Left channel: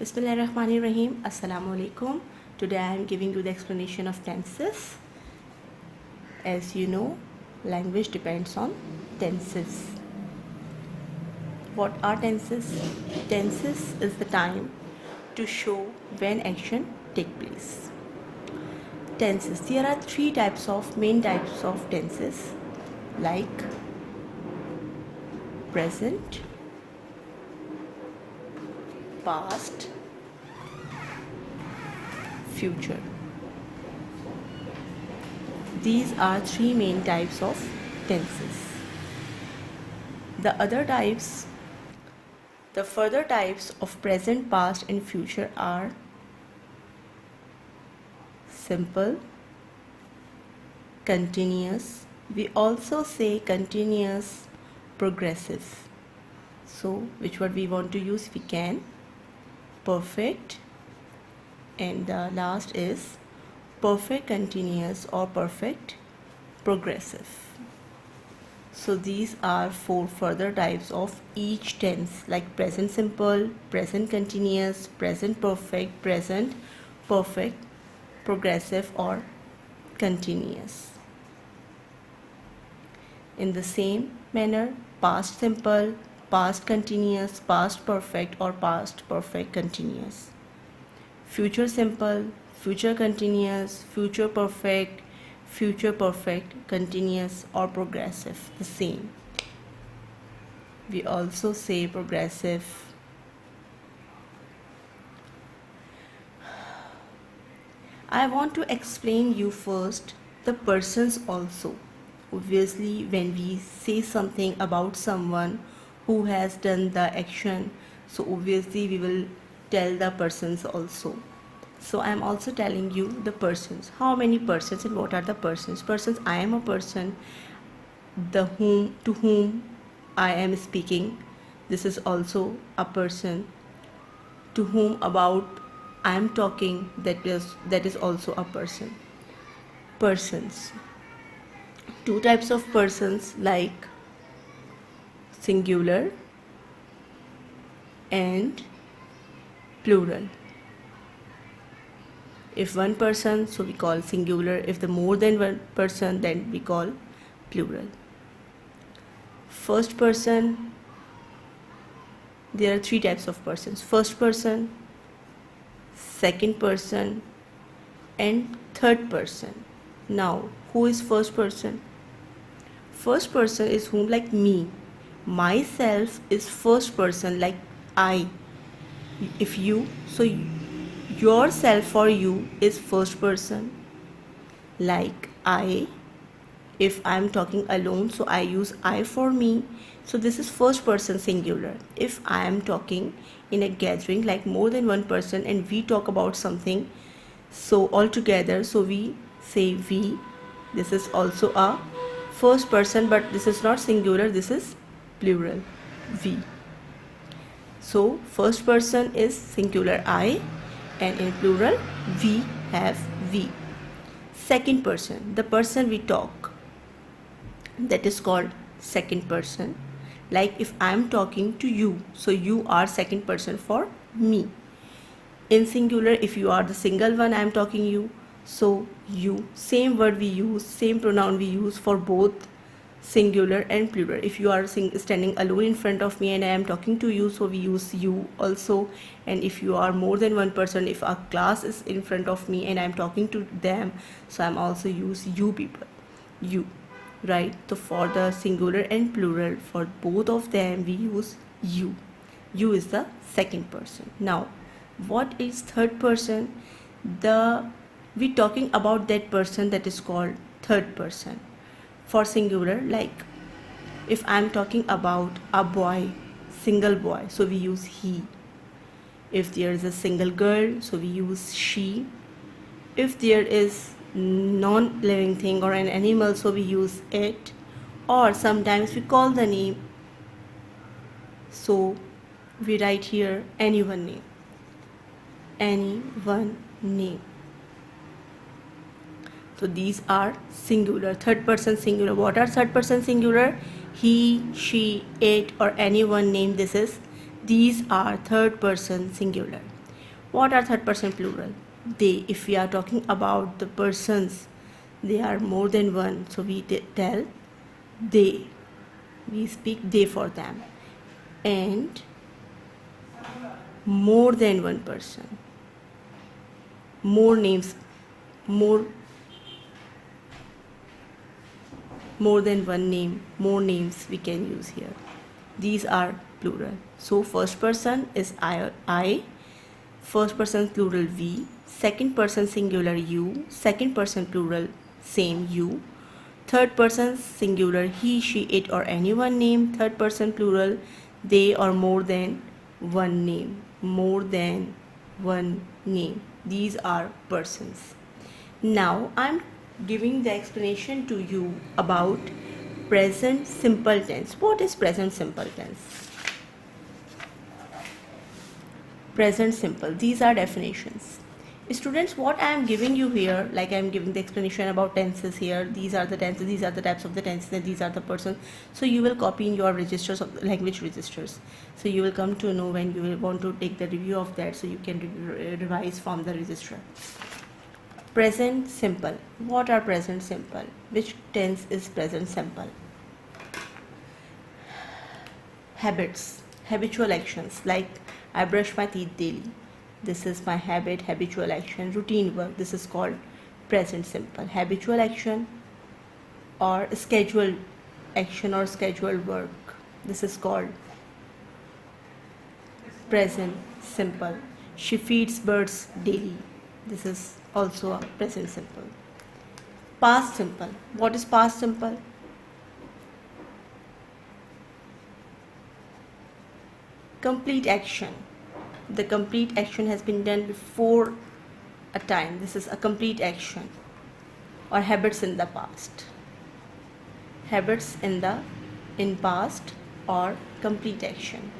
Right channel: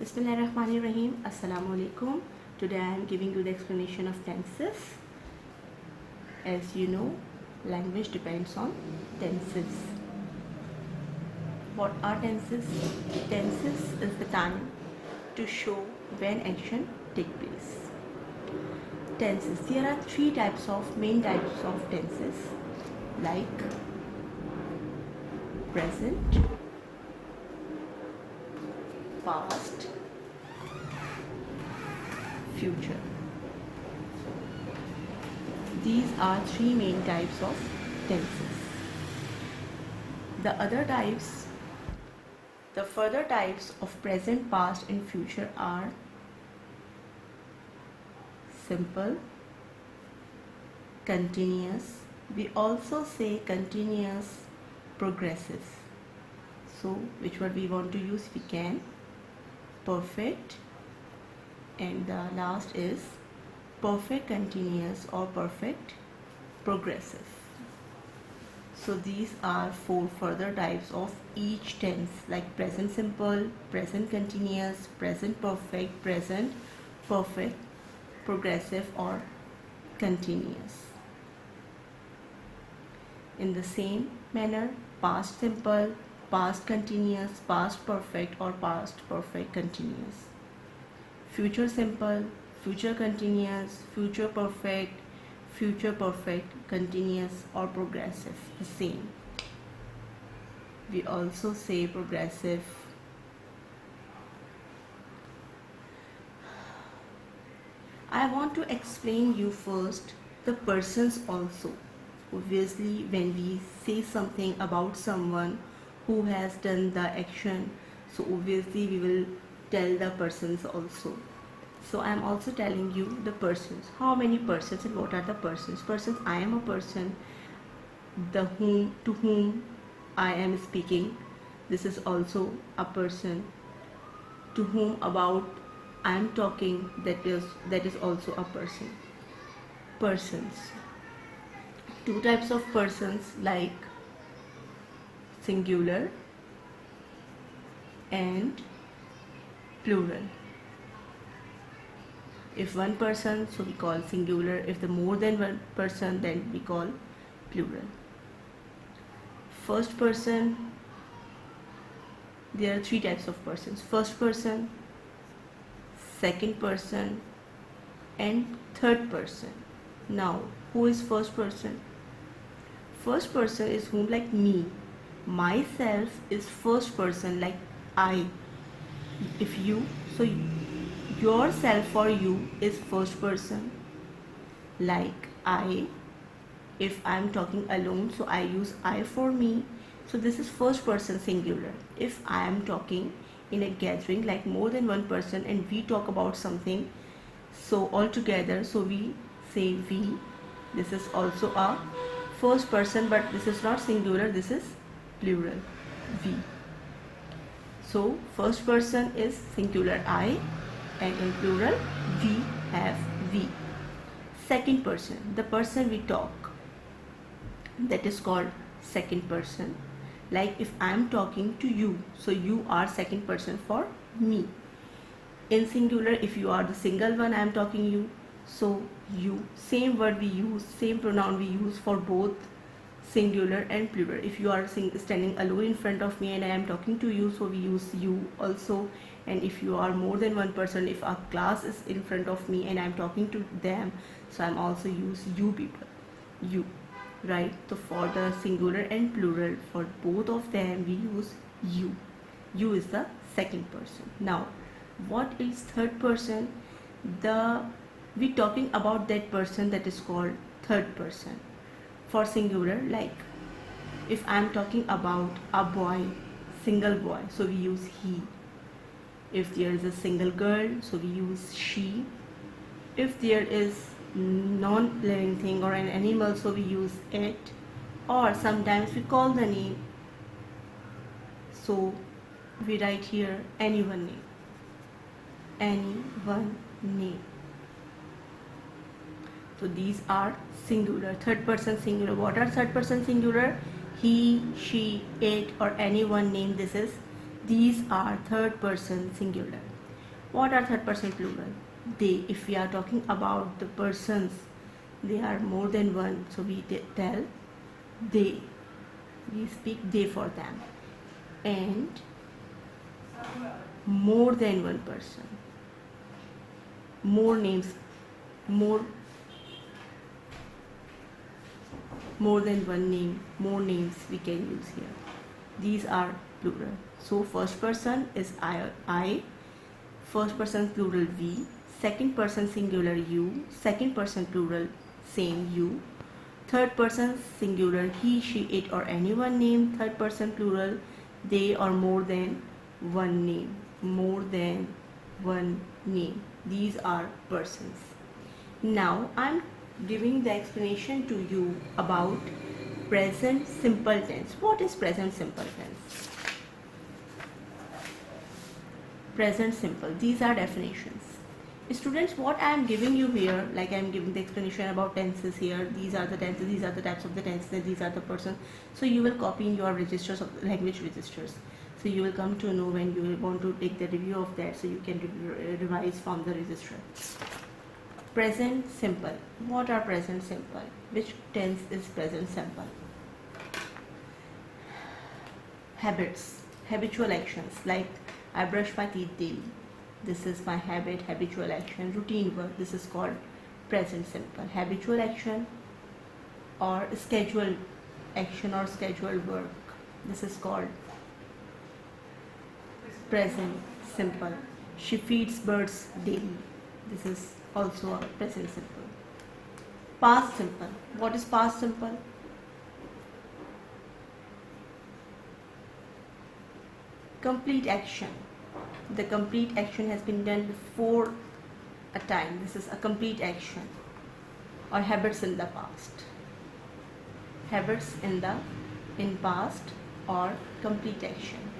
Bismillahirrahmanirrahim. Assalamu alaikum. Today I am giving you the explanation of tenses. As you know, language depends on tenses. What are tenses? Tenses is the time to show when action take place. Tenses. There are three main types of tenses, like present, past, future. These are three main types of tenses. The further types of present, past and future are simple, continuous. We also say continuous, progressive. So which one we want to use? We can. Perfect, and the last is perfect continuous or perfect progressive. So these are four further types of each tense, like present simple, present continuous, present perfect, present perfect, progressive or continuous. In the same manner, past simple, past continuous, past perfect or past perfect continuous. Future simple, future continuous, future perfect, continuous or progressive. The same. We also say progressive. I want to explain you first the persons also. Obviously, when we say something about someone who has done the action, so obviously we will tell the persons also. So I am also telling you the persons. How many persons and what are the persons? Persons, I am a person, to whom I am speaking. This is also a person. To whom about I am talking, that is also a person. Persons. Two types of persons, like singular and plural. If one person, so we call singular. If the more than one person, then we call plural. First person, there are three types of persons: first person, second person and third person. Now, who is first person? First person is whom, like me. Myself is first person, like I. If you, so yourself for you is first person, like I. If I am talking alone, so I use I for me. So this is first person singular. If I am talking in a gathering, like more than one person, and we talk about something, so all together, so we say we. This is also a first person, but this is not singular, this is plural, we. So first person is singular I, and in plural we have we. Second person, the person we talk, that is called second person. Like if I am talking to you, so you are second person for me. In singular, if you are the single one, I am talking you, so you. Same word we use, same pronoun we use for both singular and plural. If you are standing alone in front of me and I am talking to you, so we use you also. And if you are more than one person, if a class is in front of me and I am talking to them, so I am also use you people, you, right? So for the singular and plural, for both of them we use you. You is the second person. Now, what is third person? We talking about that person, that is called third person. For singular, like if I am talking about a boy, single boy, so we use he. If there is a single girl, so we use she. If there is non-living thing or an animal, so we use it. Or sometimes we call the name, so we write here anyone name. Anyone name. So these are singular, third person singular. What are third person singular? He, she, it or anyone name. These are third person singular. What are third person plural? They. If we are talking about the persons, they are more than one, so we tell they. We speak they for them. And more than one person, more names, more than one name, more names we can use here. These are plural. So first person is I, first person plural we, second person singular you, second person plural same you, third person singular he, she, it or anyone name, third person plural they or more than one name, more than one name. These are persons. Now I'm giving the explanation to you about present simple tense. What is present simple tense? Present simple. These are definitions. Students, what I am giving you here, like I am giving the explanation about tenses here. These are the tenses, these are the types of the tenses, and these are the persons. So you will copy in your registers of language registers. So you will come to know when you will want to take the review of that, so you can revise from the register. Present simple. What are present simple? Which tense is present simple? Habits, habitual actions, like I brush my teeth daily. This is my habit, habitual action. Routine work, this is called present simple. Habitual action or scheduled action or scheduled work, this is called present simple. She feeds birds daily. This is also a present simple. Past simple. What is past simple? Complete action. The complete action has been done before a time. This is a complete action. Or habits in the past. Habits in past or complete action.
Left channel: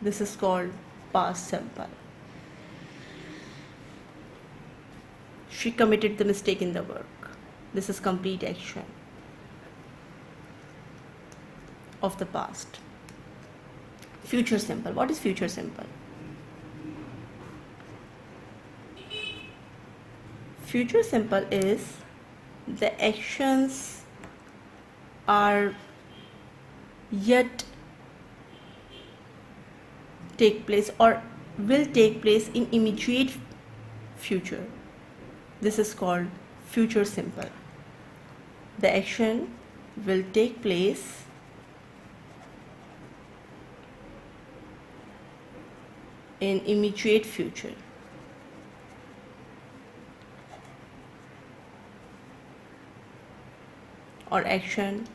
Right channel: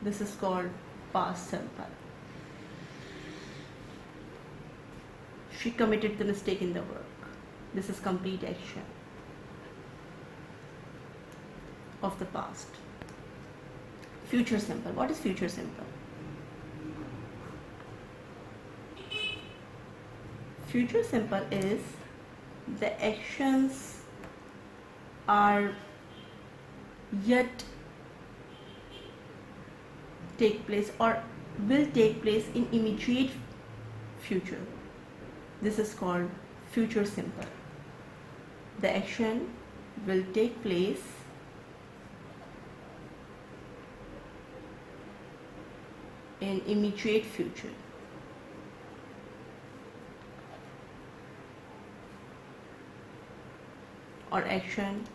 This is called past simple. She committed the mistake in the work. This is complete action of the past. Future simple. What is future simple? Future simple is the actions are yet take place or will take place in immediate future. This is called future simple. The action will take place in immediate future. Or action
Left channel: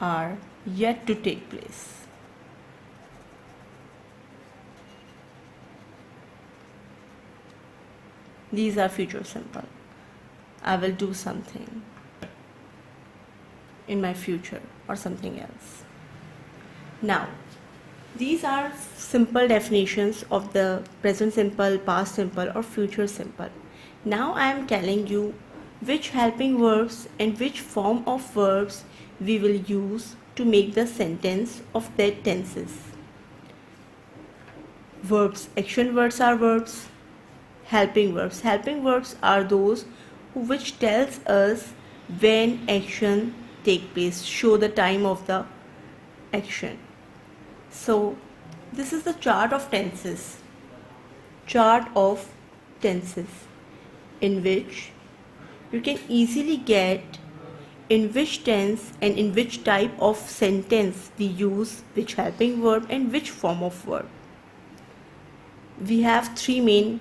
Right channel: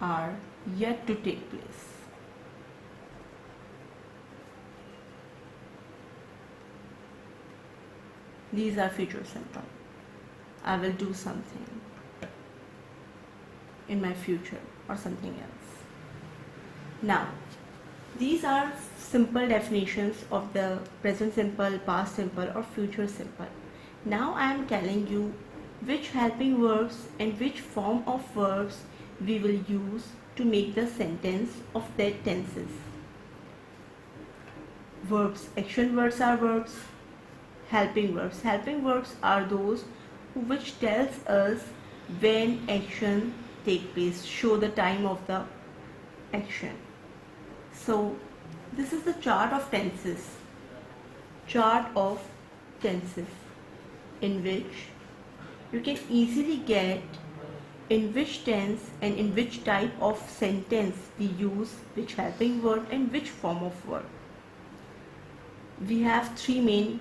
are yet to take place. These are future simple. I will do something in my future or something else. Now, these are simple definitions of the present simple, past simple or future simple. Now I am telling you which helping verbs and which form of verbs we will use to make the sentence of their tenses. Verbs, action words are verbs. Helping verbs. Helping verbs are those which tells us when action take place, show the time of the action. So this is the chart of tenses. Chart of tenses in which you can easily get in which tense and in which type of sentence we use which helping verb and which form of verb. We have three main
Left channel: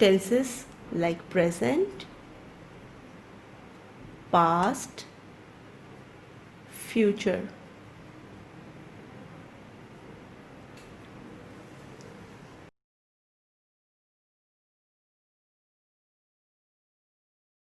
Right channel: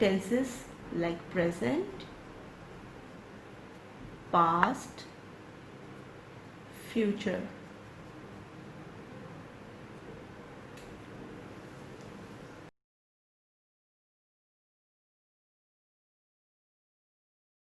tenses like present, past, future.